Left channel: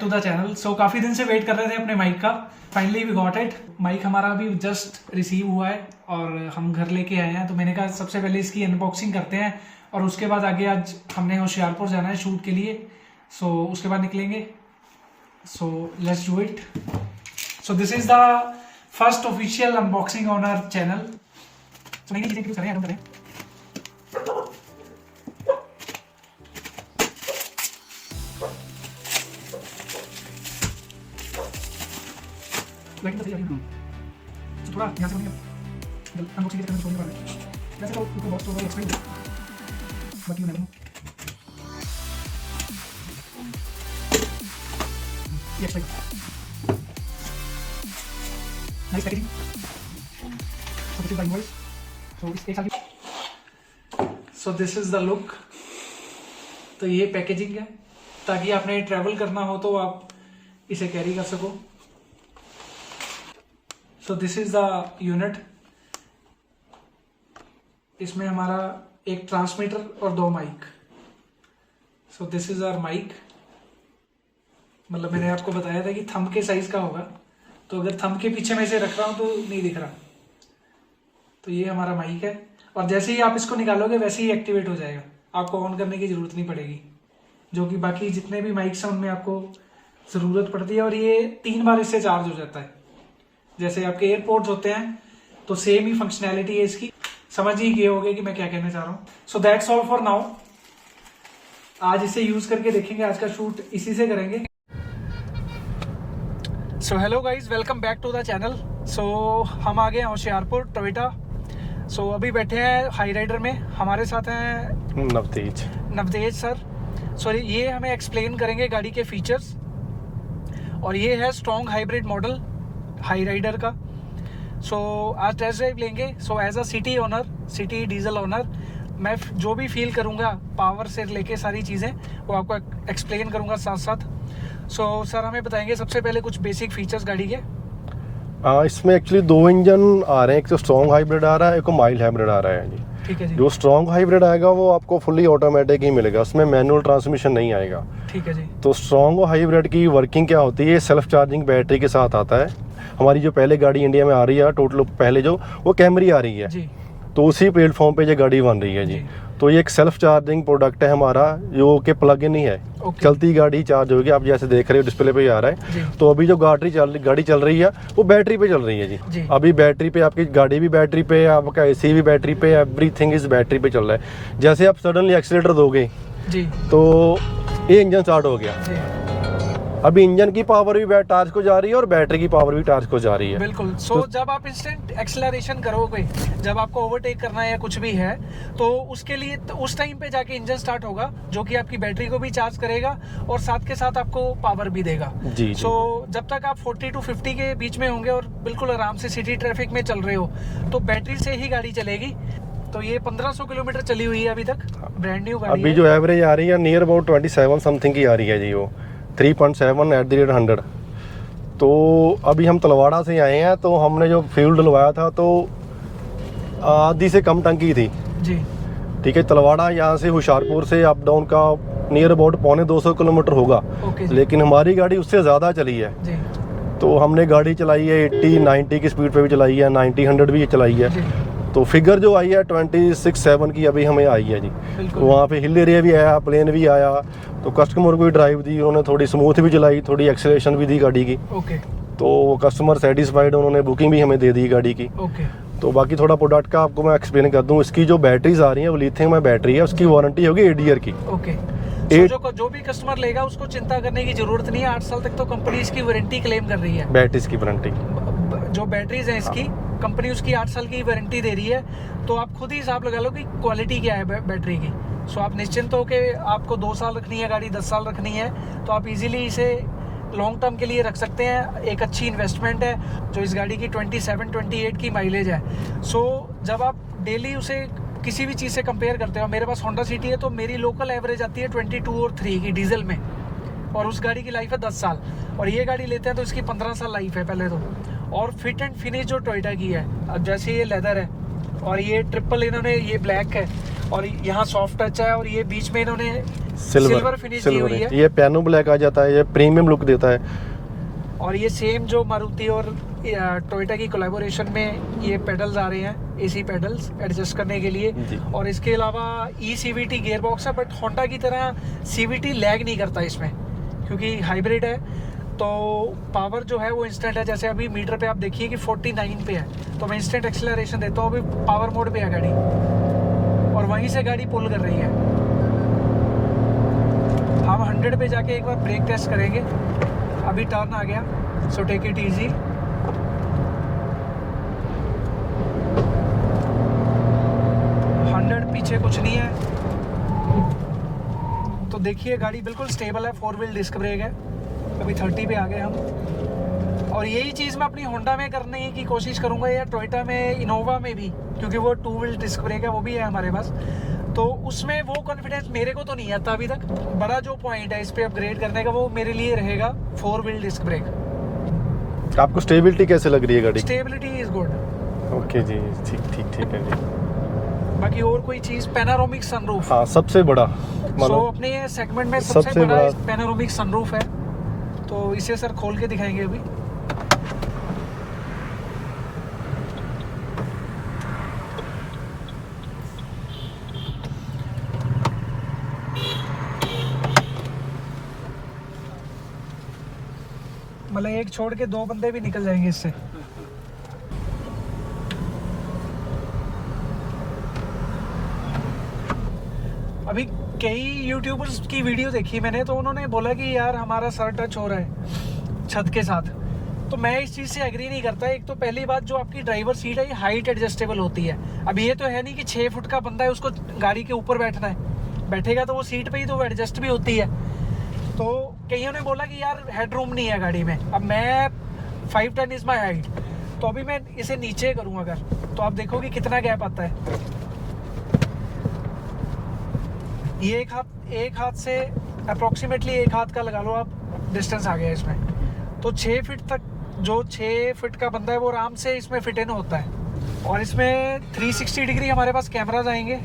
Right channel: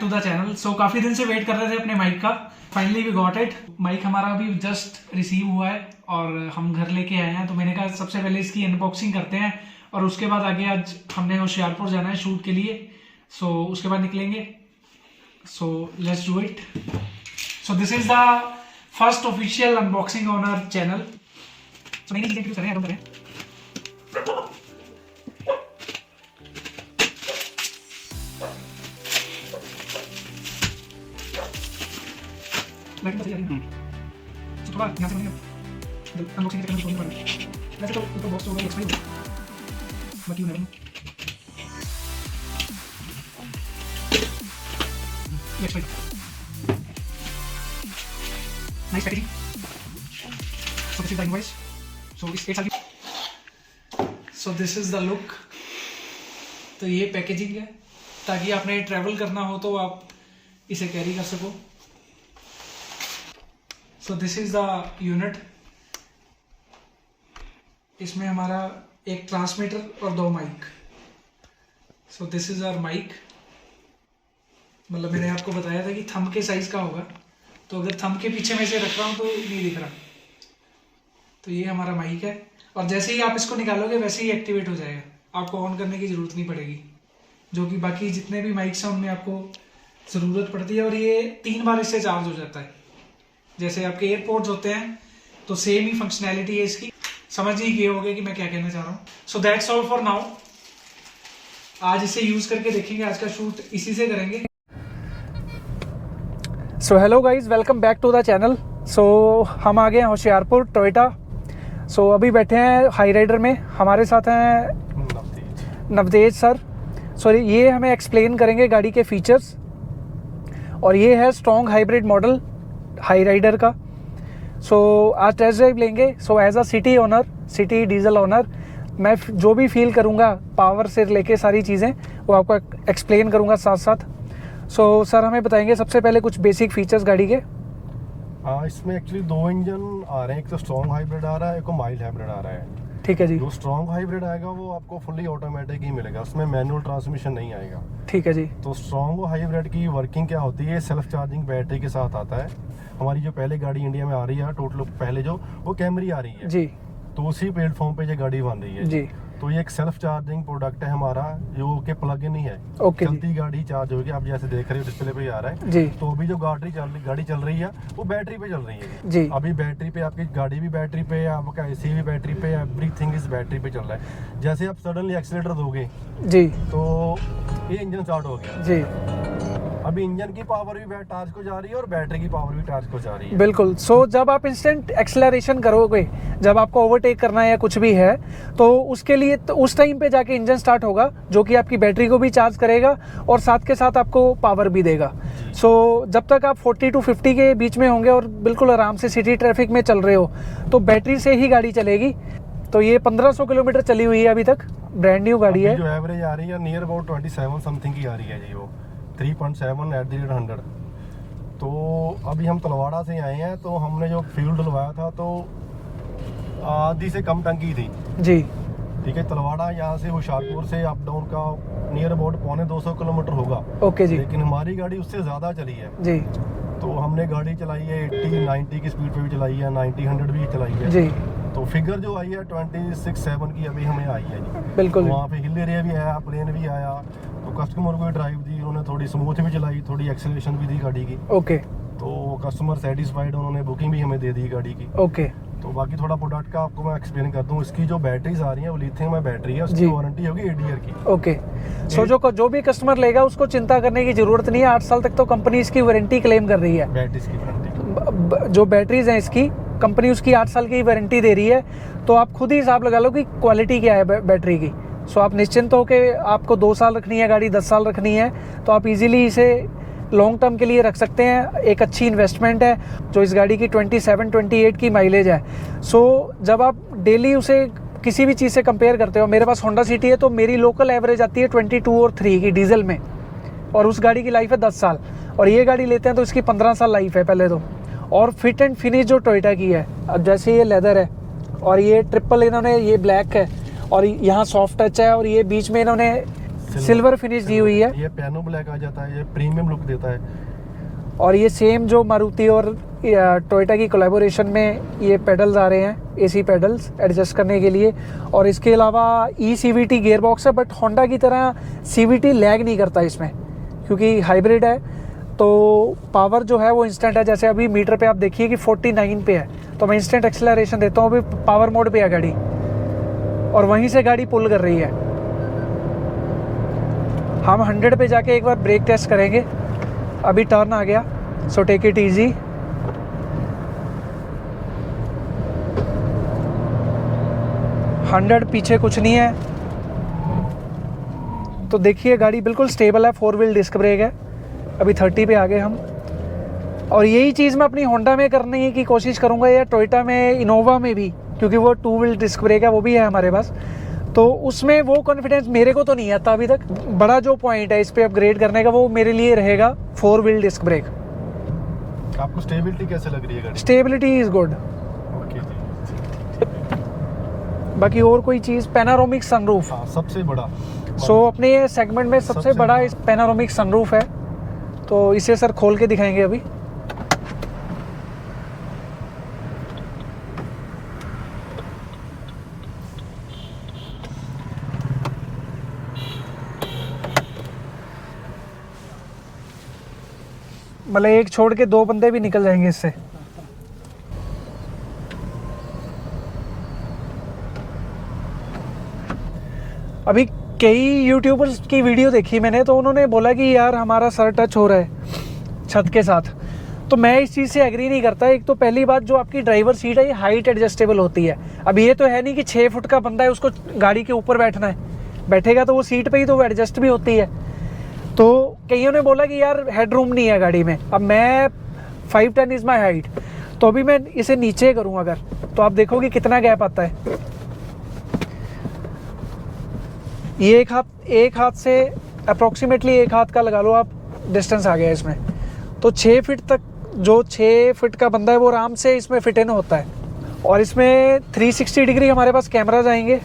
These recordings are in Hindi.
To the channel. सो काफ़ी दिन से वेट कर रहे थे अपने माइक का, finally we got it. Mic हमारा अभी जस्ट रिसीव हुआ है और हम घर लेके आए हैं, तो मैंने कहा सबसे पहले इसकी अनबॉक्सिंग करते हैं और उसके बाद आगे आज हमने होशियारपुर जाना है शूट के लिए। सो उसके बाद निकलेंगे। So let's do it. So this is the first official unboxing on our channel. So नई चीज़ें इंट्रोड्यूस करें। तो थोड़ा ध्यान से बनेगा अनबॉक्सिंग के करने की। वैसे तो उनको बॉक्स तो होगा एक्सप्लेन बाकी नहीं ये explain nice packaging. So this is the invoice. So इस एक साल की। So this is the look. तो ये पैकेजिंग है ताकि आपने ट्रैवल करना हो तो आप इसे कैरी कर सको। So this is the unit. इसमें हमारा एक ट्रांसमीटर और 2 mic. So this is our mic. मतलब मैंने आपको बताया था कि थंब के साइज का होगा, तो अगर थंब के पीछे में से रख रहा हूँ तो नहीं दिख रहा। तो ये हमारा माइक है और जैसे ही आप इसको निकालोगे वैसे ही एक्टिवेट हो जाएगा, आपको ऑन करने की ज़रूरत नहीं पड़ेगी, जो कि बाकी जितने भी माइक्स हैं उनमें आपको ज़रूरत पड़ती है। और ये 3 बार इससे चार्ज हो जाता है। जैसे आपके एयरपोर्ट्स होते हैं तो सेम ही फंक्शनैलिटी है इसकी। समझ ही गए होंगे कि मैं क्या कहना चाह रहा हूँ। So that's all for now. आज इसे यूज़ करके देखेंगे, आज का शूट इसी से करेंगे। So hello guys, welcome back to the channel. So हम आ गए हैं होशियारपुर टोयोटा। सो अभी बैठे हैं हाई राइडर में, हमारे साथ हैं नवतेज सर। सो ये हमें एक्सप्लेन करेंगे गाड़ी के फीचर्स। और ये है strong hybrid model Hyryder का। सो आज टेस्ट ड्राइव लेंगे। So as a City owner, City diesel owner, मैं जो भी फील करूँगा पावर से लेके सारी चीज़ें वो आपको एक्सप्लेन करूँगा साथ साथ। सो सर हमें बताएंगे सबसे पहले कुछ बेसिक फीचर्स गाड़ी के। इसमें एक्चुअली 2 इंजन आ रहे हैं, एक तो स्ट्रॉन्ग हाइब्रिड आ रहा है, एक को माइल्ड हाइब्रिड आ रहा है जी। ठीक है जी। जो स्ट्रॉन्ग हाइब्रिड आएगा वो आपको फुल्ली ऑटोमेटिक ही मिलेगा, उसमें मैनुअल ट्रांसमिशन नहीं आएगा। ठीक है जी। तो स्ट्रॉन्ग हाइब्रिड की वर्किंग क्या होती है, सेल्फ चार्जिंग बैटरी के साथ आता है। हमारी जो पहले गाड़ी इंडिया में आ रही है टोटल पहले जो वो कैमरी आ रही है जी, तो उसी प्लेटफॉर्म पे ये गाड़ी बन रही है जी। तो ये एक सेल्फ चार्जिंग प्रोडक्ट है हमारा, जो कि प्लग इन ही है। चलती गाड़ी चार्ज होगी, आप जैसे देख रहे हो डिस्प्ले पे ही आ रहा है जी। तो अभी जो गाड़ी चल रही है वो बैटरी पे चल रही है जी। अभी बैटरी पे आपकी गाड़ी भी बैटरी पे है, आपका एसी भी बैटरी पे, एवरीथिंग इज बैटरी पे चल रहा है। जैसे आप सडनली एक्सीलेटर दोगे जी तो ये इंजन स्टार्ट हो गया जी। अभी इंजन की पावर भी टार्च को जा रही है और बैटरी की पावर भी टार्च को जा रही है। बिल्कुल। सो जब आप इंस्टेंट एक्सेलरेशन करोगे, जब आपको ओवरटेक करना है या कुछ भी है, तो उसके लिए तो उस टाइम पे जाके इंजन स्टार्ट होगा, जो कि आपकी बैटरी को भी चार्ज करेगा और साथ के साथ आपको पावर भी देगा जी। सो जब तक आप 40 to 50 के बीच में होंगे और बिल्कुल आराम से सिटी ट्रैफिक में चल रहे हो तो बैटरी से ही गाड़ी चलेगी। तो ये 1500 किलोमीटर चली हुई है अभी तक, ब्रांड न्यू गाड़ी है। जो एवरेज आ रही है नियर अबाउट 27 समथिंग की आ रही है जी, वो 3.7 एट द रेट 100। तो अभी हम तलवाड़ा से आए हैं, तो हमने जो फ्यूल डलवाया था तो आधी से कम टंकी थी जी। ठीक है, तलवाड़ा यहाँ से होशियारपुर से अप डाउन का नियर अबाउट 250 किलोमीटर होगा। ओके जी। लेकिन हमारी गाड़ी उससे ज़्यादा चली है जी। तो हमने गाड़ी चलाई है 80-90 की स्पीड पे भी चलाई है, 90-100 भी चलाई है जी। तो फिगर जो आई है 26-7 की अभी हमें आई है जी। बिल्कुल। वहाँ पे हिल एरिया भी आया, प्लेन भी आया, तो कस्टमर को भी ड्राइव दी उन्होंने, थोड़ी स्मूथ भी चलाई, थोड़ी एक्सेलरेशन भी दी गाड़ी की। ओके। तो कस्टमर सेटिस्फाइड, उन्होंने बुकिंग भी हमें दे दी गाड़ी की। ओके। तो बाकी थोड़ा प्रोडक्ट का आपको मैं एक्सप्लेन कर दूँ। इसकी जो बैटरीज आ रही है वो लिथियम में बैटरी है, उसकी वारंटी होगी 8 ईयर की। ओके। जो भी कस्टमर लेगा उसको चिंता करने की जरूरत नहीं है, 8 साल तक तो कंपनी इसकी वारंटी क्लेम कर रही है। बैटरीज की वारंटी, जो बैटरीज हैं इसकी कंपनी उसकी 8 साल की वारंटी दे रही है। तो आप खुद ही हिसाब लगा लो कि क्वालिटी क्या है बैटरी की। सो आप निश्चिंत हो कि आपको 2 साल रखनी है गाड़ी, 10 साल रखनी है, तो आप इजीली इसे लॉन्ग टर्म के लिए रख सकते हैं। एक अच्छी इन्वेस्टमेंट है। जो इस गाड़ी की 27-28 की माइलेज है। सो जब आप डेली उसे किसी भी चीज़ से कंपेयर करते हो, मेरे पास होंडा सिटी है तो मेरी लोकल एवरेज आती है 22 और 3 की डीजल में, और उस गाड़ी की लाइफ है 10 साल। और ये गाड़ी लेते हैं तो इसकी 15 साल लाइफ है पहले तो। और फिट एंड फिनिश जो टोयोटा की है, अब जैसे ये लेदर है और ये ट्रिपल इन्होंने, ये ब्लैक है और यहाँ सॉफ्ट टच है और ये बीच में इन्होंने सिल्वर फिनिश दी हुई है। ये पियानो ब्लैक आ जाता है, ये प्रीमियम लुक देता है। और ये सेम जो मारुति और टोयोटा की कोलैबोरेशन में ये पेडल्स आ रहे हैं, एसी पेडल्स एडजस्ट करने के लिए। और इसके अलावा CVT गियर बॉक्स है, बट होंडा की तरह CVT लैग नहीं करता इसमें, क्योंकि हाइब्रिड है। तो पावर जो है वो इंस्टेंट है। जैसे अभी मीटर पे आप देखिए कि 49 पे है, तो मैं इंस्टेंट एक्सेलरेशन देता हूँ, अभी पावर मोड पे है गाड़ी और वहीं से गाड़ी पुल कर रही है। हम 100 पे जाके एक बार ब्रेक टेस्ट करेंगे। अभी टर्न आ गया, सो टेक इट इजी। पीछे कुछ नहीं है। तो देखिए गाड़ी बिल्कुल स्टेबल है, 4 व्हील डिस्क ब्रेक है। अभी 30 पे आ गए हम। और यही चीज़ मैं अपनी होंडा में करने की कोशिश करूंगा, या टोयोटा में, इनोवा में भी, क्योंकि वो 2 व्हील डिस्क ब्रेक है, वो भी है हमारे पास। तो उसमें वो कॉन्फिडेंस मेरे को तो नहीं आता अभी तक। बड़ा जो पॉइंट है इस पे अपग्रेड करने का, वो मेरे लिए रहेगा 4 व्हील डिस्क ब्रेक। आपको स्टेबिलिटी कैसे लग रही है गाड़ी? Stability is good. ओके जी, ठीक है जी। बाकी और कोई चीज़, पैनारोमिक सनरूफ। हाँ, सबसे बड़ा। सो अपने सेगमेंट में सबसे बड़ा पैनारोमिक सनरूफ है। तो इसे सर खोल के दिखाएंगे अभी। मतलब एक छोड़ के 2 बंदे भी निकल जाएंगे इससे। अभी कई यूट्यूबर्स की वीडियो देखी मैंने, तो उन्होंने बोला कि यार हमारा सर टच हो रहा है छत के साथ। तो मैं इस चीज़ से एग्री नहीं करता। एक तो पहली बात, जो आपकी ड्राइवर सीट है ये हाइट एडजस्टेबल होती है। अब ये तो है नहीं कि 6 फुट का बंदा है उसको गाड़ी के ऊपर बैठना है, बैठेगा तो वो सीट पे ही तो वो एडजस्ट भी होती है। तो कईयों ने बोला कि यार हेडरूम नहीं है गाड़ी में। अब मैं 5'10" इज माई हाइट, तो अभी मैं इसे नीचे करूँ अगर, तो आप देखोगे कितना गैप आता है। ये एक हाथ से अप्रॉक्सीमेटली 1 हाथ का लगा लो आप डिस्टेंस आ गया इसमें। तो 6 फीट तक, जो 6 फीट का बंदा है वो आराम से इसमें फिट इन होता है। और इसमें 360 डिग्री हमारे पास कैमराज आएंगे।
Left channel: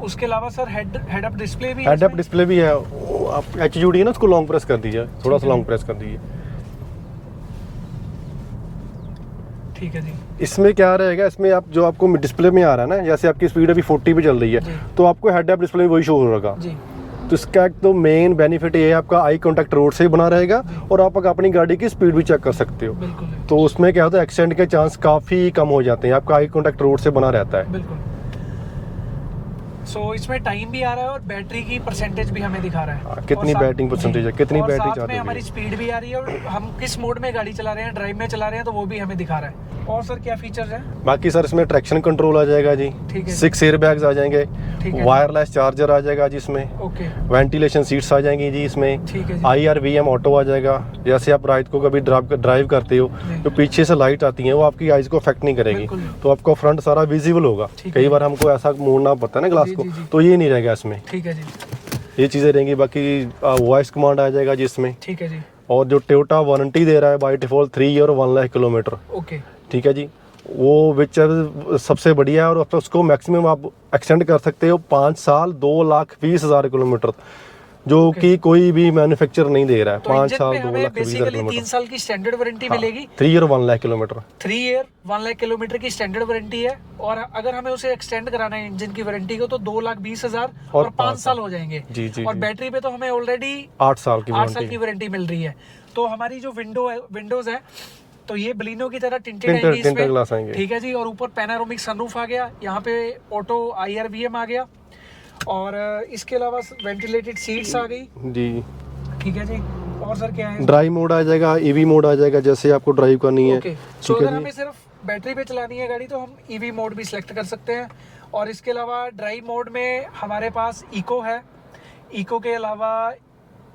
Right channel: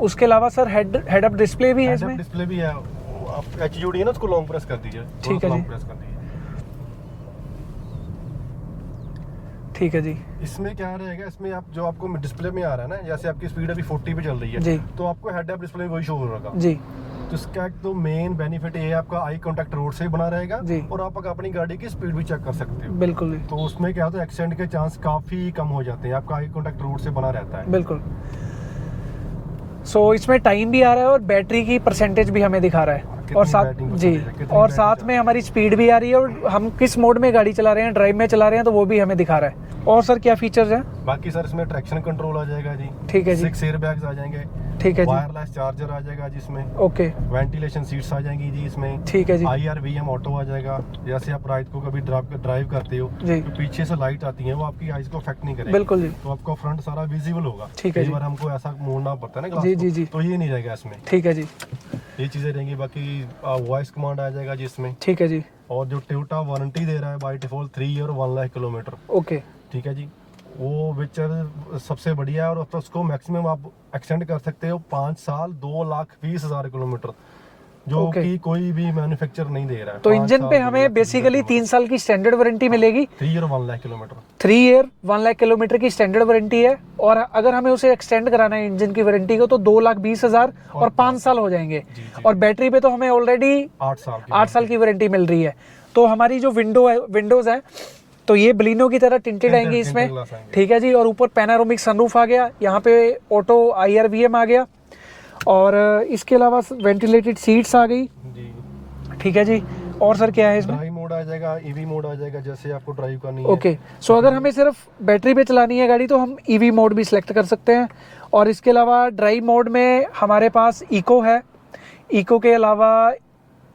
उसके अलावा सर हेड अप डिस्प्ले भी है। हेड अप डिस्प्ले भी है। आप HUD है ना, उसको लॉन्ग प्रेस कर दीजिए, थोड़ा सा लॉन्ग प्रेस कर दीजिए। ठीक है जी। इसमें क्या रहेगा, इसमें आप जो आपको डिस्प्ले में आ रहा है ना, जैसे आपकी स्पीड अभी 40 पे चल रही है, तो आपको हेड अप डिस्प्ले में वही शो होगा जी। तो इसका एक तो मेन बेनिफिट ये है, आपका आई कांटेक्ट रोड से बना रहेगा और आप अपनी गाड़ी की स्पीड भी चेक कर सकते हो। बिल्कुल। तो उसमें क्या होता है, एक्सीडेंट के चांस काफी कम हो जाते हैं, आपका आई कांटेक्ट रोड से बना रहता है। बिल्कुल। सो इसमें टाइम भी आ रहा है और बैटरी की परसेंटेज भी हमें दिखा रहा है, कितनी बैटरी परसेंटेज है, कितनी और बैटरी साथ में हमारी स्पीड भी आ रही है और हम किस मोड में गाड़ी चला रहे हैं, ड्राइव में चला रहे हैं, तो वो भी हमें दिखा रहा है। और सर क्या फीचर्स हैं? बाकी सर इसमें ट्रैक्शन कंट्रोल आ जाएगा जी, ठीक है, 6 एयर बैग्स आ जाएंगे, ठीक है, वायरलेस चार्जर आ जाएगा जिसमें, ओके, वेंटिलेशन सीट्स आ जाएंगी जी इसमें, ठीक है जी, IRVM ऑटो आ जाएगा। जैसे आप रात को कभी ड्राइव करते हो तो पीछे से लाइट आती है, वो आपकी आईज को अफेक्ट नहीं करेगी, तो आपका फ्रंट सारा विजिबल होगा। कई बार हमको ऐसा मोड़ना पड़ता है ना ग्लास को, तो ये नहीं रहेगा इसमें। ठीक है जी, ये चीजें रहेंगी। बाकी वॉइस कमांड आ जाएगा जिसमें, ठीक है जी। और जो टोयोटा वारंटी दे रहा है by default 3 year 1 lakh kilometre, okay, ठीक है जी, वो विच सबसे बढ़िया है। और उसको मैक्सिमम आप एक्सटेंड कर सकते हो 5 साल 2,20,000 किलोमीटर, जो कि कोई भी मैन्युफैक्चरर नहीं दे रहा है। तो इंजन पे हमें बेसिकली 3 साल की स्टैंडर्ड वारंटी मिलेगी। 3 year 1 lakh kilometre, 3 year 1 lakh kilometre की स्टैंडर्ड वारंटी है। और अगर हमें उसे एक्सटेंड कराना है इंजन की वारंटी को, तो 2,20,000 और 5 साल हो जाएंगे। जी जी। और बैटरी पे तो हमें ऑलरेडी 8 साल की वारंटी मिल रही है। तो हमारी जो विंडोज है, तो ये बलिनो की तरह टिंटेड आएंगी इसमें, ठीक है जी। और ऊपर पैनारोमिक सनरूफ आ गया, यहाँ पे ऑटो IRVM आ गया, और इसके अलावा वेंटिलेटेड सीट्स आ गई जी, ठीक है जी। और सर क्या है? ड्राइव मोड आ जाएगा, EV मोड आ जाएगा, जैसे आपको ड्राइव करनी है। ओके, सो अगर हमें सिर्फ बैटरी पे चलानी है गाड़ी, तो हम EV मोड भी सिलेक्ट कर सकते हैं। और इसके अलावा ड्राइव मोड में हमारे पास इको है, इको के अलावा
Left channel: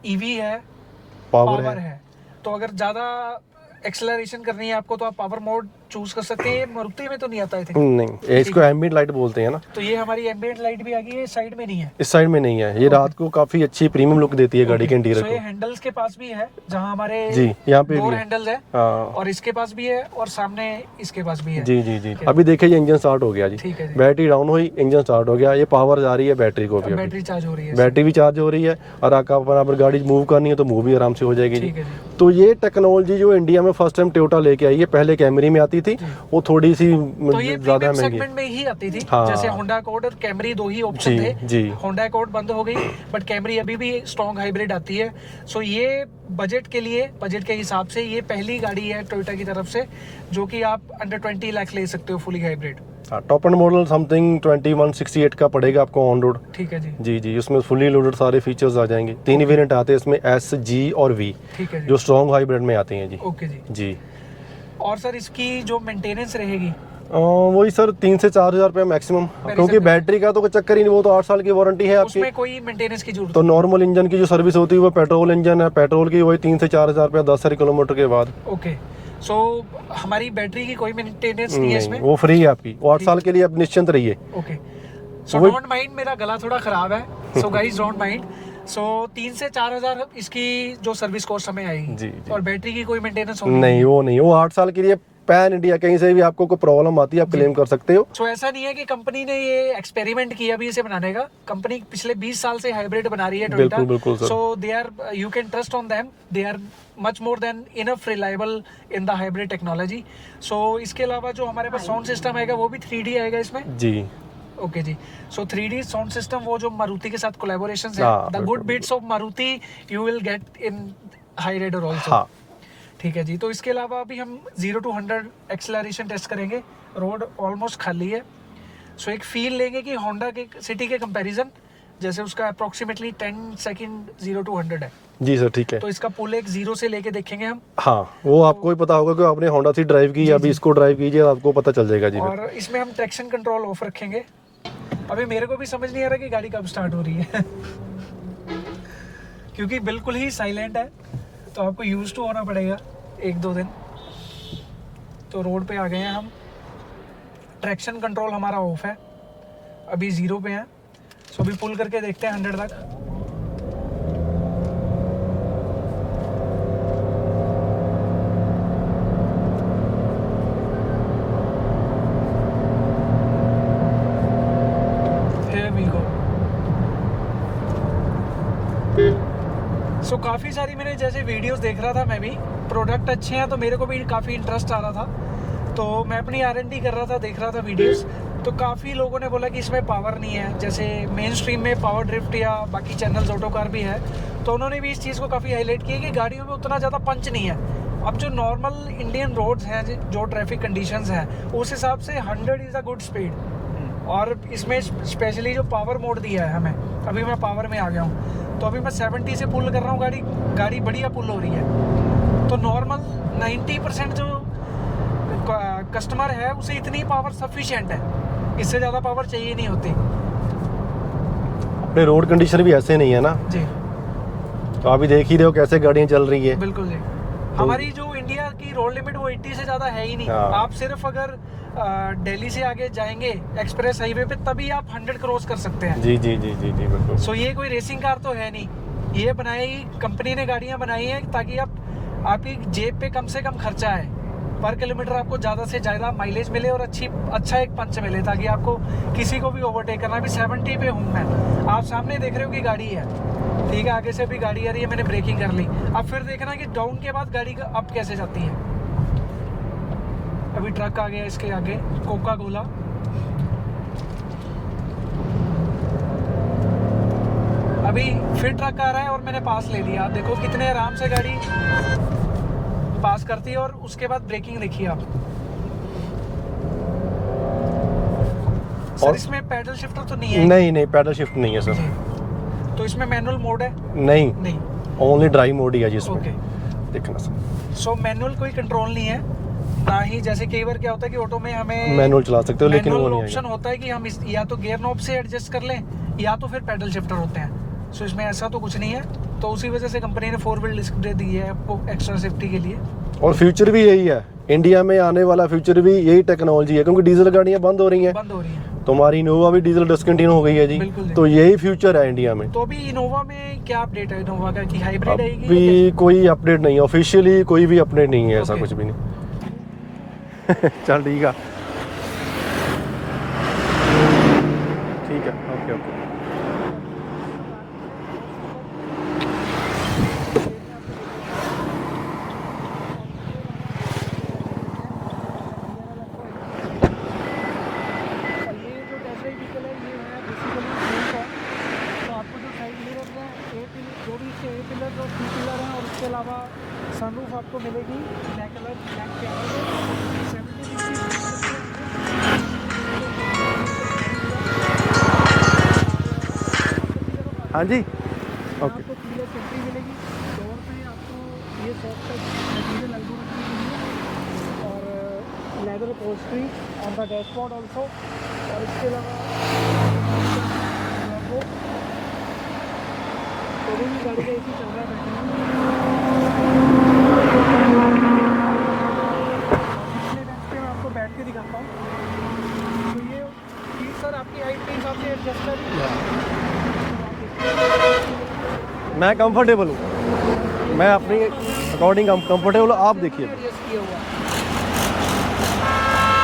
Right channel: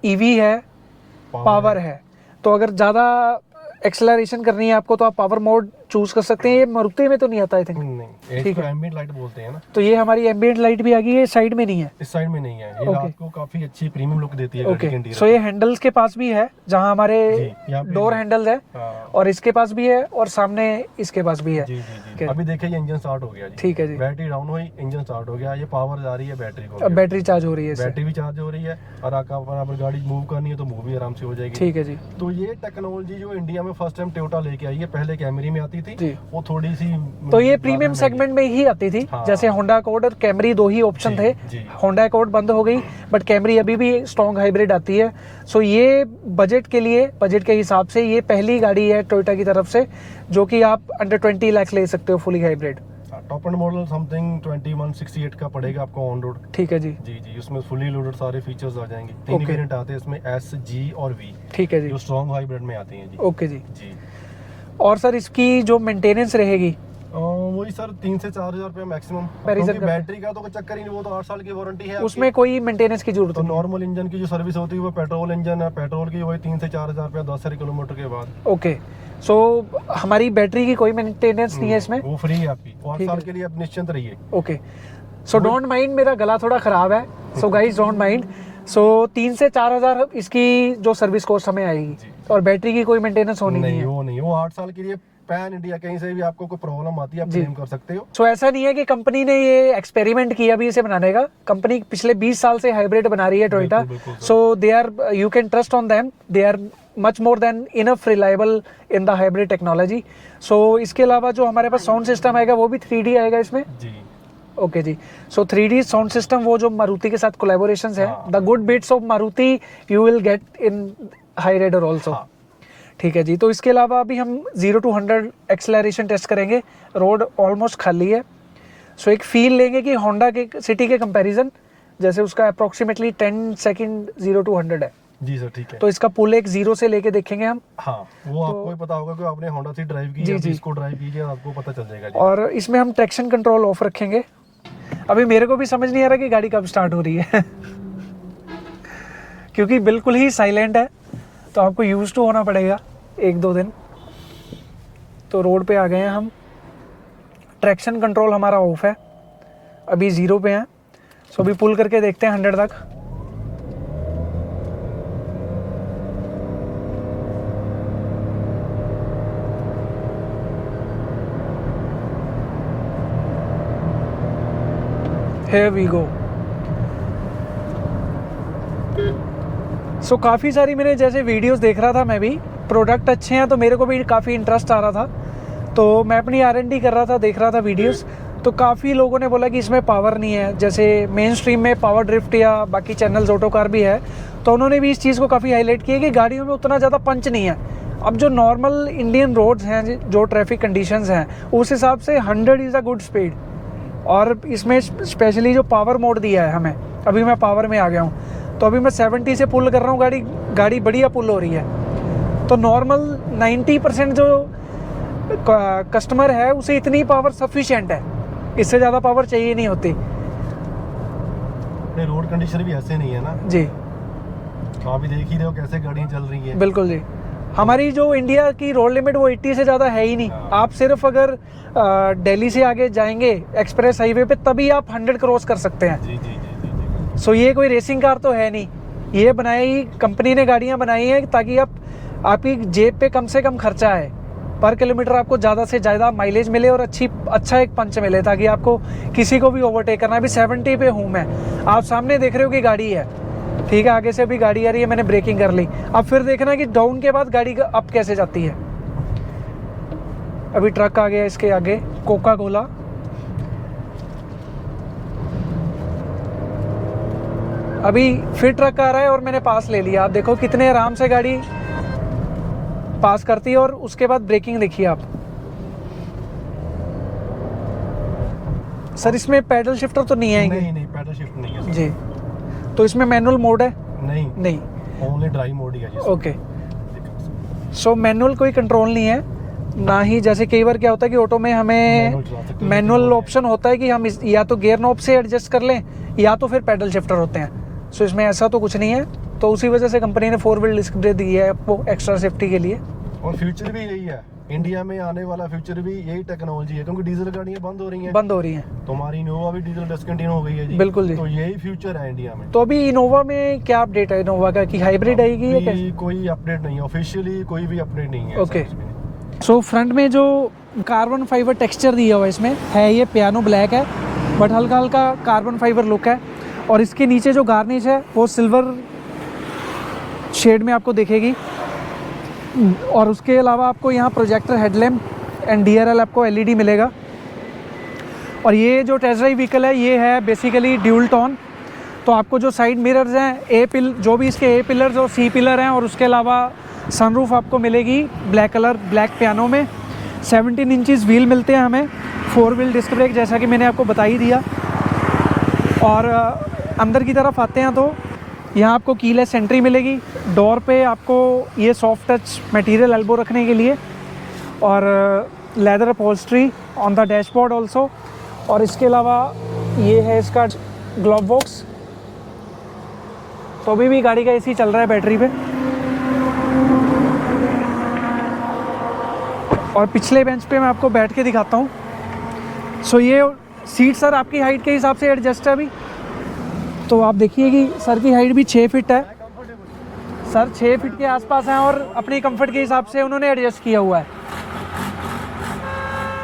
EV है, पावर है। तो अगर ज़्यादा एक्सेलरेशन करनी है आपको, तो आप पावर मोड चूज कर सकते हैं। ये मारुति में तो नहीं आता आई थिंक। नहीं, इसको एम्बिएंट लाइट बोलते हैं ना। तो ये हमारी एम्बिएंट लाइट भी आ गई है, साइड में नहीं है। इस साइड में नहीं है, ये रात को काफी अच्छी प्रीमियम लुक देती है गाड़ी के इंटीरियर। सो ये हैंडल्स के पास भी है, जहाँ हमारे जी यहाँ पे डोर हैंडल्स है, हाँ। और इसके पास भी है, और सामने इसके पास भी है। जी जी जी। अभी देखिए ये इंजन स्टार्ट हो गया जी। ठीक है जी। बैटरी डाउन हुई, इंजन स्टार्ट हो गया, ये पावर जा रही है बैटरी को। अब बैटरी चार्ज हो रही है, बैटरी भी चार्ज हो रही है, और अगर गाड़ी मूव करनी है तो मूव भी आराम से हो जाएगी। ठीक है जी। तो ये टेक्नोलॉजी जो इंडिया में फर्स्ट टाइम टोयोटा लेके आई है, पहले कैमरी में आती थी, वो थोड़ी सी तो ये प्रीमियम सेगमेंट में ही आती थी। हाँ। जैसे होंडा अकॉर्ड और कैमरी दो ही ऑप्शन थे जी। होंडा अकॉर्ड बंद हो गई, बट कैमरी अभी भी स्ट्रॉन्ग हाइब्रिड आती है। सो ये बजट के लिए, बजट के हिसाब से ये पहली गाड़ी है टोयोटा की तरफ से जो कि आप अंडर 20 लाख ले सकते हो fully hybrid. Top and model something 2168 का पड़ेगा आपको ऑन रोड। ठीक है जी। जी जी, उसमें फुली लोडेड सारे फीचर्स आ जाएंगे। 3 वेरिएंट आते हैं इसमें, एस, जी और वी। ठीक है जी। जो स्ट्रॉन्ग हाइब्रिड में आते हैं जी। ओके जी। जी। और सर इसकी जो मेंटेनेंस रहेगी वही सर 3 से 4 हज़ार रुपये मैक्सिमम, क्योंकि बैटरी का तो कोई चक्कर ही नहीं, वो तो 8 साल की वारंटी है आपकी। उसमें कोई मेंटेनेंस की जरूरत तो नॉर्मल इंजन की जो सर्विस होती है वो पेट्रोल इंजन है, पेट्रोल की वही 3 से 4 हज़ार रुपये 10 किलोमीटर के बाद। ओके। सो हमारी बैटरी की कोई मेंटेनेंस नहीं है इसमें, वो फ्री है आपकी, वो 8 साल के लिए आप निश्चिंत रहिए। ओके। सो डोंट माइंड, मेरा गला थोड़ा खराब है, सो गाइस डोंट माइंड। सो 3 से 4 हज़ार इसकी जो सर्विस कॉस्ट हमें आएगी। जी। और बैटरी की कोई मेंटेनेंस होनी नहीं, वो नहीं, वो 8 साल के लिए पैन इंडिया कहीं से भी आपको कोई प्रॉब्लम आती है आप क्लेम कर सकते हो। सो ऐसा नहीं है कि कंपनी ने ये एक्सपेरिमेंट किया अभी इसे बनाने का। कंपनी पिछले 20 साल से हाइब्रिड बना रही है टोयोटा। बिल्कुल sir. So they are, you can trust on them, they are much more than enough reliable in the hybrid technology. So इसके अलावा जो हमारे पास साउंड सिस्टम आएगा वो भी 3D आएगा इसमें। जी। ओके जी। सो 3D साउंड सिस्टम, वो जो मारुति के साथ कोलैबोरेशंस है, the good bits of Maruti you will get in Hyryder also. ठीक है जी। तो इसके अलावा अभी हम 0 to 100 एक्सेलरेशन टेस्ट करेंगे। रोड ऑलमोस्ट खाली है, सो एक फील लेंगे कि होंडा के सिटी के कंपैरिजन, जैसे उसका अप्रोक्सीमेटली 10 सेकंड 0 to 100 है। जी सर, ठीक है। तो इसका पुल एक 0 से लेके देखेंगे हम। हाँ, वो आपको ही पता होगा कि आपने होंडा सी ड्राइव की, अभी इसको ड्राइव कीजिए, आपको पता चल जाएगा जी। और इसमें हम ट्रैक्शन कंट्रोल ऑफ रखेंगे। अभी मेरे को भी समझ नहीं आ रहा कि गाड़ी कब स्टार्ट हो रही है क्योंकि बिल्कुल ही साइलेंट है, तो आपको यूज टू होना पड़ेगा 1-2 दिन। तो रोड पे आ गए हैं हम। ट्रैक्शन कंट्रोल हमारा ऑफ है, अभी 0 पे है। सो अभी पुल करके देखते हैं 100 तक। Here we go। सो काफ़ी सारी मैंने जैसे वीडियोस देख रहा था मैं भी, प्रोडक्ट अच्छे हैं तो मेरे को भी काफ़ी इंटरेस्ट आ रहा था। तो मैं अपनी R&D कर रहा था, देख रहा था वीडियोस। तो काफ़ी लोगों ने बोला कि इसमें पावर नहीं है, जैसे मेन स्ट्रीम में पावर ड्रिफ्ट या बाकी चैनल्स ऑटो कार भी है, तो उन्होंने भी इस चीज़ को काफ़ी हाईलाइट किया कि गाड़ियों में उतना ज़्यादा पंच नहीं है। अब जो नॉर्मल इंडियन रोड्स हैं, जो ट्रैफिक कंडीशंस हैं, उस हिसाब से 100 इज़ अ गुड स्पीड। और इसमें स्पेशली जो पावर मोड दिया है हमें, अभी मैं पावर में आ गया हूँ, तो अभी मैं 70 से पुल कर रहा हूँ, गाड़ी बढ़िया पुल हो रही है। तो नॉर्मल 90% जो कस्टमर है उसे इतनी पावर सफिशिएंट है, इससे ज़्यादा पावर चाहिए नहीं होती। अपने रोड कंडीशन भी ऐसे नहीं है ना जी। तो अभी देख ही रहे हो कैसे गाड़ियाँ चल रही हैं। बिल्कुल जी। हमारी जो इंडिया की रोड लिमिट वो 80 से ज़्यादा है ही नहीं। आप सिर्फ अगर दिल्ली से आगे जाएंगे एक्सप्रेस हाईवे पे, तभी आप 100 क्रॉस कर सकते हैं। जी जी जी जी जी बिल्कुल। सो ये कोई रेसिंग कार तो है नहीं, ये बनाई कंपनी ने, गाड़ियाँ बनाई हैं ताकि आपकी जेब पे कम से कम खर्चा है, पर किलोमीटर आपको ज़्यादा से ज़्यादा माइलेज मिले और अच्छा एक पंच मिले, ताकि आपको किसी को भी ओवरटेक करना। अभी 70 पे हूँ मैं, आप सामने देख रहे हो कि गाड़ी है, ठीक है, आगे से भी गाड़ी आ रही है, मैंने ब्रेकिंग कर ली। अब फिर देखना कि डाउन के बाद गाड़ी अप कैसे जाती है। अभी ट्रक आ गया इसके आगे, कोका कोला। अभी फिर ट्रक आ रहा है और मैंने पास ले लिया। आप देखो कितने आराम से गाड़ी पास करती है, और उसके बाद ब्रेकिंग देखिए आप। सर इसमें पैडल शिफ्टर तो नहीं है? नहीं, पैडल शिफ्ट नहीं है सर जी। तो इसमें मैनुअल मोड है? नहीं, ओनली ड्राइव मोड ही है जी। ओके, देखना सर। सो मैनुअल कोई कंट्रोल नहीं है ना ही, जैसे कई बार क्या होता है कि ऑटो में हमें मैनुअल चला सकते हो, मैनुअल ऑप्शन होता है कि हम या तो गियर नॉब से एडजस्ट कर लें या तो फिर पैडल शिफ्टर होते हैं। सो इसमें ऐसा तो कुछ नहीं है, तो उसी वजह से कंपनी ने 4 व्हील डिस्क ब्रेक दी है आपको एक्स्ट्रा सेफ्टी के लिए। और फ्यूचर भी यही है इंडिया में आने वाला फ्यूचर भी यही टेक्नोलॉजी है, क्योंकि डीजल गाड़ियां बंद हो रही हैं। तो हमारी इनोवा भी डीजल डिस्कंटिन्यू हो गई है जी। बिल्कुल जी। तो यही फ्यूचर है इंडिया में। तो अभी इनोवा में क्या अपडेट है इनोवा का, कि हाइब्रिड आएगी या अभी कोई अपडेट नहीं है, ऑफिशियली कोई भी अपडेट नहीं है, ऐसा Okay. कुछ भी नहीं। सो फ्रंट में जो कार्बन फाइबर टेक्सचर दिया हुआ है इसमें है, ये पियानो ब्लैक है बट हल्का हल्का कार्बन फाइबर लुक है। और इसके नीचे जो गार्निश है वो सिल्वर शेड में आपको दिखेगी। और उसके अलावा आपको यहाँ प्रोजेक्टर हेडलैम्प एंड DRL आपको LED मिलेगा। और ये जो टेस्ट ड्राइव व्हीकल है ये है बेसिकली ड्यूल टोन। तो आपको जो साइड मिरर्स हैं जो भी इसके A पिलर्स और C पिलर हैं, और उसके अलावा सनरूफ आपको मिलेगी ब्लैक कलर ब्लैक पियानो में। 17 इंचेस व्हील मिलते हैं हमें, 4 व्हील डिस्क ब्रेक, जैसा कि मैंने आपको बता ही दिया। और अंदर की तरफ आते हैं तो यहाँ आपको कीलेस एंट्री मिलेगी। डोर पे आपको ये सॉफ्ट टच मटेरियल एल्बो रखने के लिए, और leather upholstery on the dashboard also. और इसके अलावा ये है इसका ग्लव बॉक्स। तो अभी भी गाड़ी का AC चल रहा है बैटरी पे। और पिछले बेंच पे मैं आपको बैठ के दिखाता हूँ। सो ये सीट सर आपकी हाइट के हिसाब से एडजस्ट है अभी। तो आप देखिए कि सर की हाइट भी 6 फीट है। मैं कंफर्टेबल हूँ सर 6 फीट के आसपास हैं, और अपनी कंफर्ट के हिसाब से उन्होंने एडजस्ट किया हुआ है।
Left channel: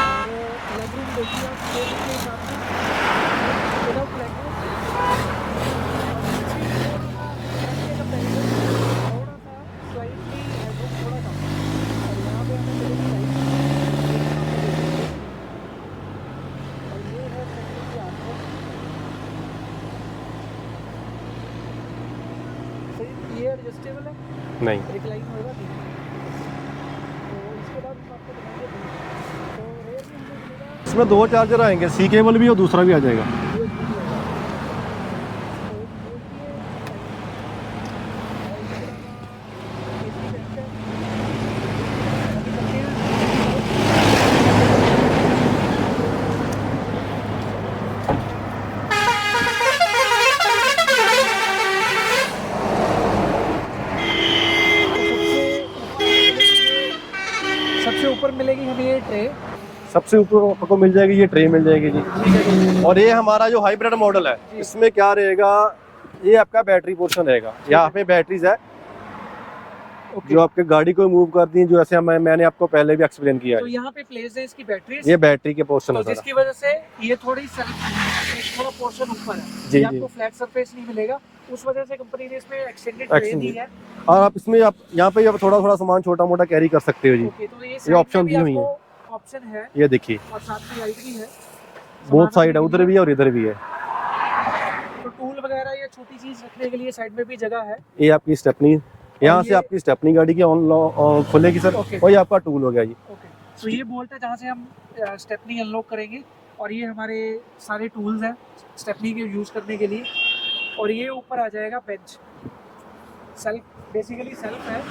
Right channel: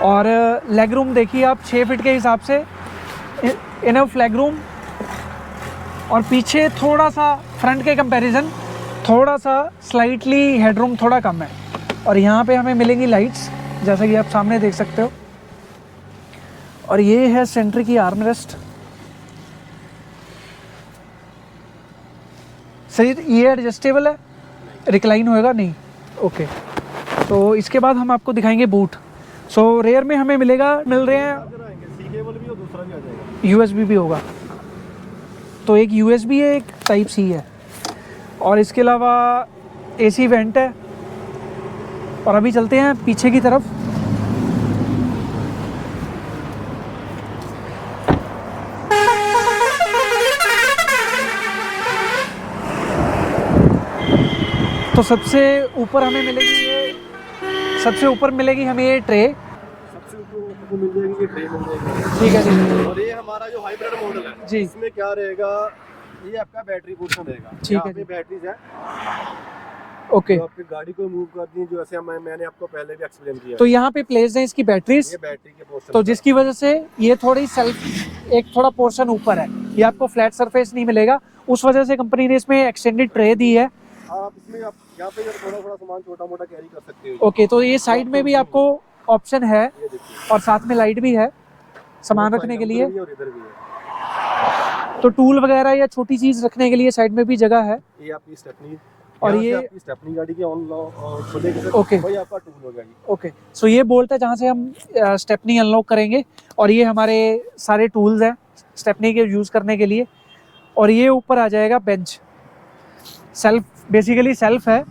और लेग रूम देखिए आप 6 फीट के हिसाब से इनफ लेग रूम। और पीछे थोड़ा सा फ्रंट के कंपैरिजन थोड़ा सा स्लाइटली हेडरूम थोड़ा कम है। और यहाँ पे हमें मिलेंगी लाइट्स, जैसा कि आप सामने देख सकते हो। और ये है सेंटर की आर्मरेस्ट। सही, ये एडजस्टेबल है? नहीं, रिक्लाइन होएगा नहीं। ओके, तो इसके बाद हम आपको दिखाएंगे बूट। सो रेयर में हमें मिलेगा, दो चार्जर आएंगे, C केबल भी और दूसरा भी आ जाएगा, USB भी होगा। तो एक USB है, एक टाइप C है। और इसके अलावा AC वेंट है। और अभी चलते हैं पीछे की तरफ। तो सबसे ऊपर हमें मिलेगी हमें ये ट्रे। सबसे ऊपर आपको मिल जाएगी ये ट्रे, मिल जाएगी जी। ठीक है जी। और ये हमारा जो हाइब्रिड मॉडल है जी। इसमें क्या रहेगा, ये आपका बैटरी पोर्शन रहेगा। यहाँ पे बैटरीज है ओके, जो आपके गाड़ी को मूव करती हैं, जो ऐसे मैंने आपको पहले भी एक्सप्लेन किया तो है। यहाँ पे प्लेस है इसकी बैटरीज, ये बैटरी के पोर्शन, तो जिसकी वजह से ये थोड़ी सेल्फ एक थोड़ा पोर्शन ऊपर है, ये आपको फ्लैट सरफेस नहीं मिलेगा। उस वजह से कंपनी ने इसमें एक्सटेंडेड ट्रे दी है। और आप इसमें आप यहाँ पे थोड़ा थोड़ा सामान छोटा मोटा कैरी कर सकते हो जी। ओके, तो ये साइड में भी आपको ऑप्शन है, ये देखिए, और साथ में लाइट भी है सामान रखने के लिए। उधर भी है और इधर भी है। तो टूल वगैरह या छोटी चीज रखने के लिए साइड में भी जगह है। ये आपकी स्टेपनी, यहाँ से आपकी स्टेपनी गाड़ी की खुलेगी सर। ओके, वही आपका टूल हो गया जी। ओके, सो ये बोल्ट है जहाँ से हम स्टेपनी अनलॉक करेंगे। और ये हमारे सारे टूल्स हैं स्टेपनी के यूज करने के लिए। और ये ऊपर आ जाएगा बेंच, सेल्फ, बेसिकली सेल्फ है,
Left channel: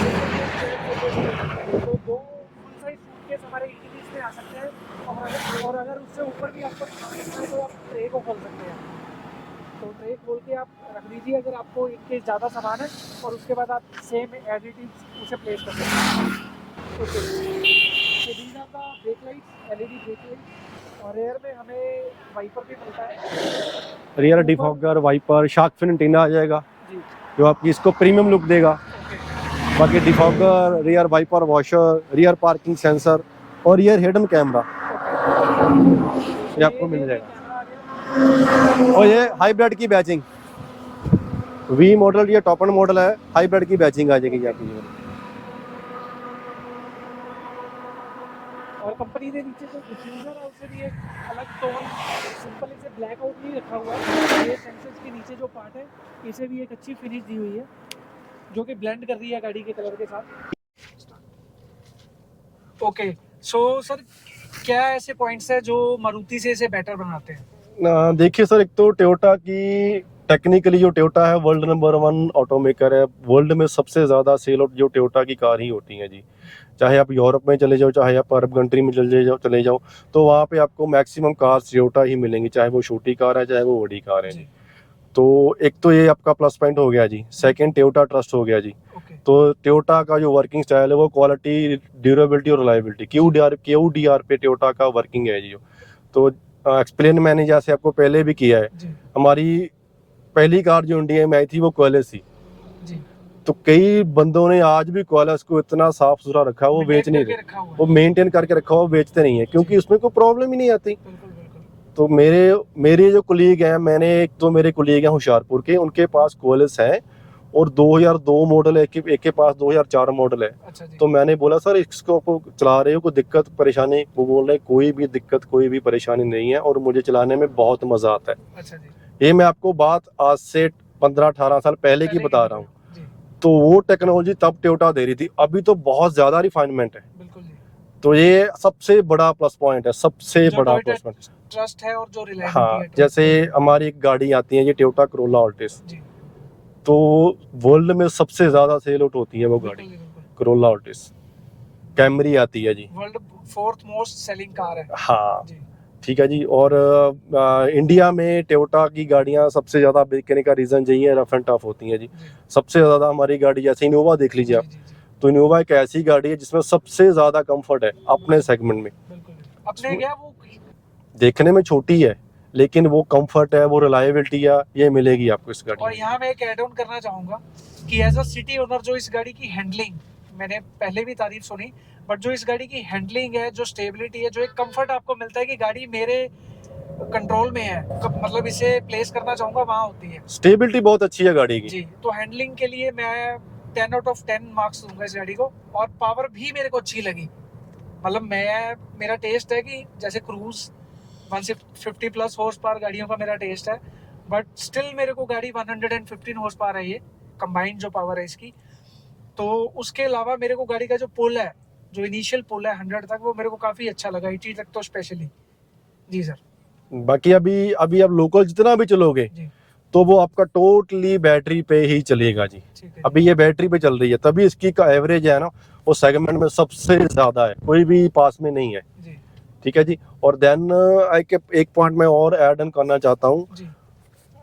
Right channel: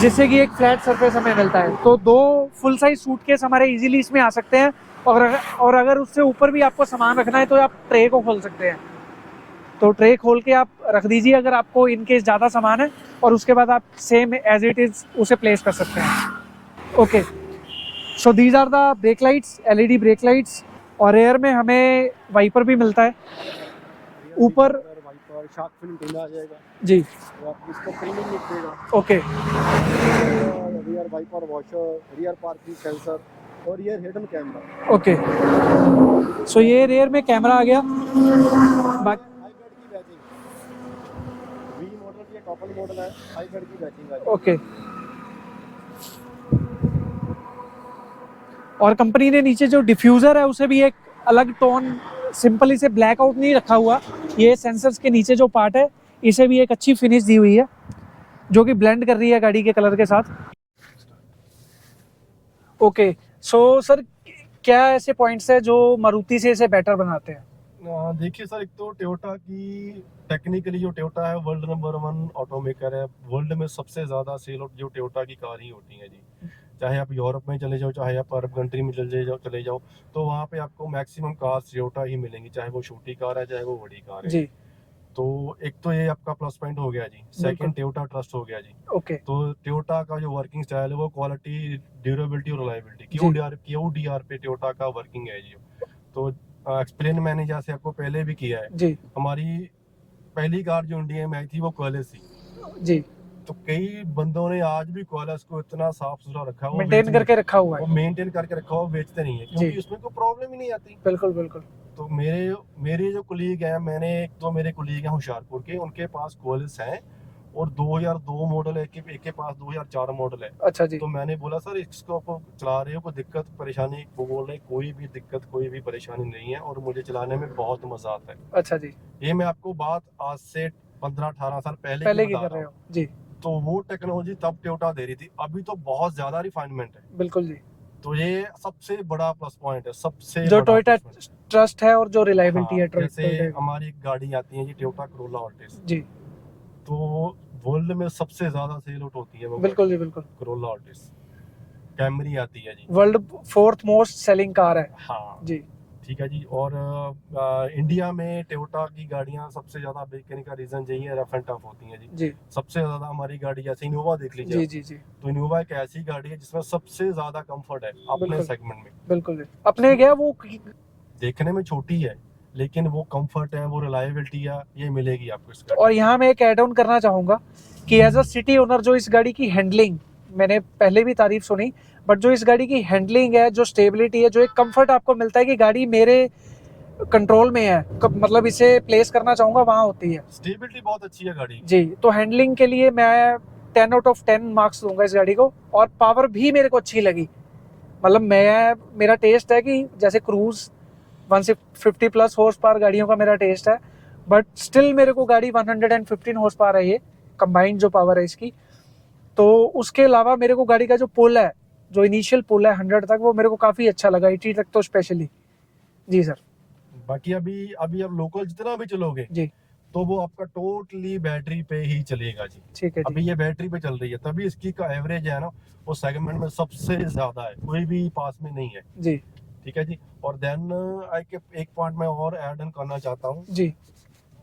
जिससे कि एक फ्लैट सरफेस हमें मिलता है। तो 2 फुल साइज सूटकेस हमारे इजीली इसमें आ सकते हैं। और अगर उससे ऊपर भी आपको सामान रखना है तो आप ट्रे को खोल सकते हैं। तो ट्रे खोल के आप रख दीजिए अगर आपको इनकेस ज़्यादा सामान है, और उसके बाद आप सेम एज इट इज़ उसे प्लेस कर सकते हैं। Okay, so these are the brake lights, LED brake lights. और रेयर में हमें वाइपर भी मिलता है, rear defogger, wiper, shark fin antenna आ जाएगा जी, जो आपकी इसको प्रीमियम लुक देगा। ओके, बाकी defogger, rear wiper washer, rear parking sensor और rear hidden camera. Okay, so ये रेयर में कैमरा आ गया। और ये हाइब्रिड की बैचिंग, V मॉडल, ये टॉप एंड मॉडल है, हाइब्रिड की बैचिंग आ जाएगी। ओके। और कंपनी ने नीचे जो डिफ्यूजर है उसे भी एक अलग टोन, सिंपली से ब्लैक आउट नहीं रखा हुआ। ये सेंसर्स के नीचे जो पार्ट है इसे भी एक अच्छी फिनिश दी हुई है, जो कि ब्लेंड कर रही है गाड़ी के कलर के साथ। ओके, सो सर क्या ऐसे पॉइंट्स है जो मारुति से इसे बेटर बनाते हैं? देखिए सर, एक तो टोयोटा की टेक्निकली जो टोयोटा है वर्ल्ड नंबर 1 ऑटोमेकर है। वर्ल्ड में सबसे ज़्यादा सेल आउट जो टोयोटा की कार ही होती है जी। चाहे आप यूरोप में चले जाओ, चाहे आप अरब कंट्री में चले जाओ, तो वहाँ पे आपको मैक्सिमम कार्स टोयोटा ही मिलेंगी, चाहे वो छोटी कार है चाहे वो बड़ी कार है जी। तो एक तो ये आपका प्लस पॉइंट हो गया जी। सेकंड टोयोटा ट्रस्ट हो गया जी। ओके। तो टोयोटा का जो वर्किंग स्टाइल है वो क्वालिटी, ड्यूरेबिलिटी और रिलायबिलिटी, QDR पे टोयोटा का वर्किंग है जी। तो एक्सप्लेन मैंने जैसे आपको पहले भी किया है, जी हमारी पहली कार जो इंडिया में आई थी वो क्वालिस थी। जी। तो कई बंदों ने आज भी क्वालिस को इतना साफ सुथरा रखा, वो मेंटेन बेचने करके रखा हुआ वो है। मेंटेन करके रखा, वो बेचते नहीं है क्योंकि जी। उसमें कोई प्रॉब्लम ही नहीं आती। बिल्कुल बिल्कुल। तो मेरे जो कुलीग हैं, मैंने एक तो मेरे कुलीग हैं होशियारपुर के, उनके पास क्वालिस है और 2002 मॉडल है, एक के पास 2004 मॉडल है। अच्छा जी। तो मैंने बोला सर इसको को चला रहे हो, कोई दिक्कत परेशानी? वो बोल रहे कोई भी दिक्कत कोई भी परेशानी नहीं है और मुझे चलाने में बहुत मजा आता है। अच्छा जी। ये मैं आपको बात आज से 15-18 साल पहले की बता रहा हूँ। जी। तो वो टेक्नोलॉजी तब टोयोटा दे रही थी, अभी तो बहुत ज्यादा रिफाइनमेंट है। बिल्कुल जी। तो ये सबसे बड़ा प्लस पॉइंट है, सबसे जो बड़ा टोयोटा प्लस पॉइंट। ट्रस्ट है और जो रिलायबिलिटी हाँ, है, जैसे हमारी एक गाड़ी आती है ये टोयोटा कोरोला ऑल्टिस, जी तो वर्ल्ड में सबसे ज्यादा सेल आउट होती है वो बिल्कुल जी बिल्कुल। Corolla Altis. कैमरी आती है जी, world 4th most selling car है। हाँ जी ठीक है जी। और इंडिया में टोयोटा की गाड़ियां सबसे ज्यादा बिकने का रीजन यही है, रफ एंड टफ होती हैं जी। जी सबसे ज्यादा हमारी गाड़ी जैसे इनोवा देख लीजिए जी आप, जी जी। तो इनोवा एक ऐसी गाड़ी है जिसमें सबसे ज्यादा कंफर्ट है अपने बिल्कुल। सेगमेंट में। बिल्कुल जी। अपने क्या वो देखने में छोटी है लेकिन वो कंफर्ट है, वो रिलायबिलिटी है, ये मिलेगी आपको इस गाड़ी और में। यहाँ मैं एक ऐड ऑन करना चाहूँगा कि एज अ सिटी ओनर जो इस गाड़ी की हैंडलिंग, मैंने पहले भी तारीफ सुनी, बट जो इस गाड़ी की हैंडलिंग है, जो स्टेबिलिटी है, जो एक कंफर्ट आपको मिलता है कि गाड़ी मेरे कंट्रोल में है, मतलब इसे प्लेस करना चाहूँगा वहाँ होती है। स्टेबिलिटी बहुत अच्छी है गाड़ी की जी। तो हैंडलिंग के लिए मैं 10 आउट ऑफ 10 मार्क्स दूंगा इस गाड़ी को। और पावर भी मेरे को अच्छी लगी, मतलब मेरा टेस्ट है कि जैसे क्रूज 150 प्लस हॉर्स पावर गाड़ियों का मेरा टेस्ट है, बट स्टिल मेरे को गाड़ी 115 हॉर्स पावर है, ये कंबाइंड जो पावर है इसकी। तो उसके अलावा मेरे को गाड़ी का जो पुल है, जो इनिशियल पुल है 100 तक, वो मेरे को काफ़ी अच्छा लगा, 80 तक तो स्पेशली। जी सर। बाकी अभी आप लोकल जितना भी चलोगे जी तो वो आपका टोटली बैटरी पे ही चलेगा जी। ठीक है अभी जी। ये बैटरी पे चल रही है, तभी इसकी का एवरेज है ना वो सेगमेंट में सबसे ज्यादा है, कोई भी पास में नहीं है। जी ठीक है जी। और देन एक पॉइंट मैं और ऐड ऑन करना चाहता हूँ। जी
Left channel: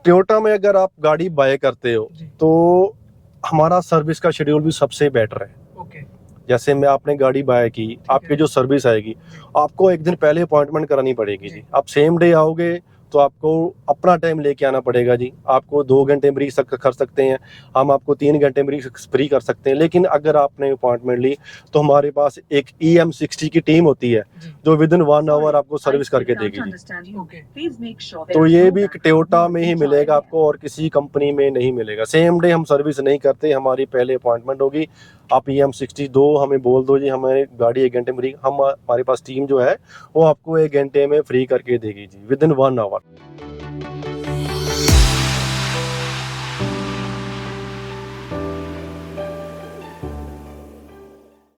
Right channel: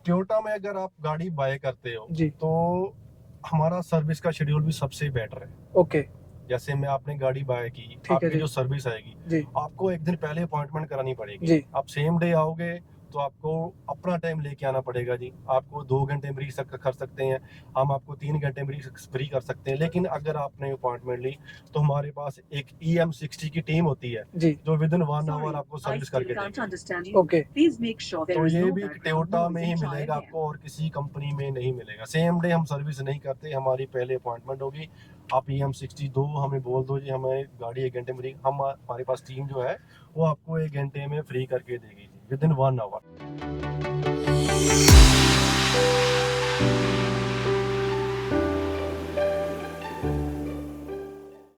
टोयोटा में अगर आप गाड़ी बाय करते हो जी। तो हमारा सर्विस का शेड्यूल भी सबसे बेटर है। ओके। जैसे मैं आपने गाड़ी बाय की, है आपकी जी। जो सर्विस आएगी, जी आपको एक दिन पहले अपॉइंटमेंट करानी पड़ेगी जी। जी। आप सेम डे आओगे तो आपको अपना टाइम लेके आना पड़ेगा जी। आपको 2 घंटे में कर सकते हैं, हम आपको 3 घंटे में फ्री कर सकते हैं। लेकिन अगर आपने अपॉइंटमेंट ली तो हमारे पास एक EM60 की टीम होती है जी। जो विद इन 1 आवर आपको सर्विस करके देगी जी। ओके। तो ये भी टोयोटा में ही मिलेगा आपको और किसी कंपनी में नहीं मिलेगा। सेम डे हम सर्विस नहीं करते, हमारी पहले अपॉइंटमेंट होगी। आप EM60 दो, हमें बोल दो जी हमें गाड़ी 1 घंटे में फ्री, हम हमारे पास टीम जो है वो आपको 1 घंटे में फ्री करके देगी जी, विद इन 1 आवर।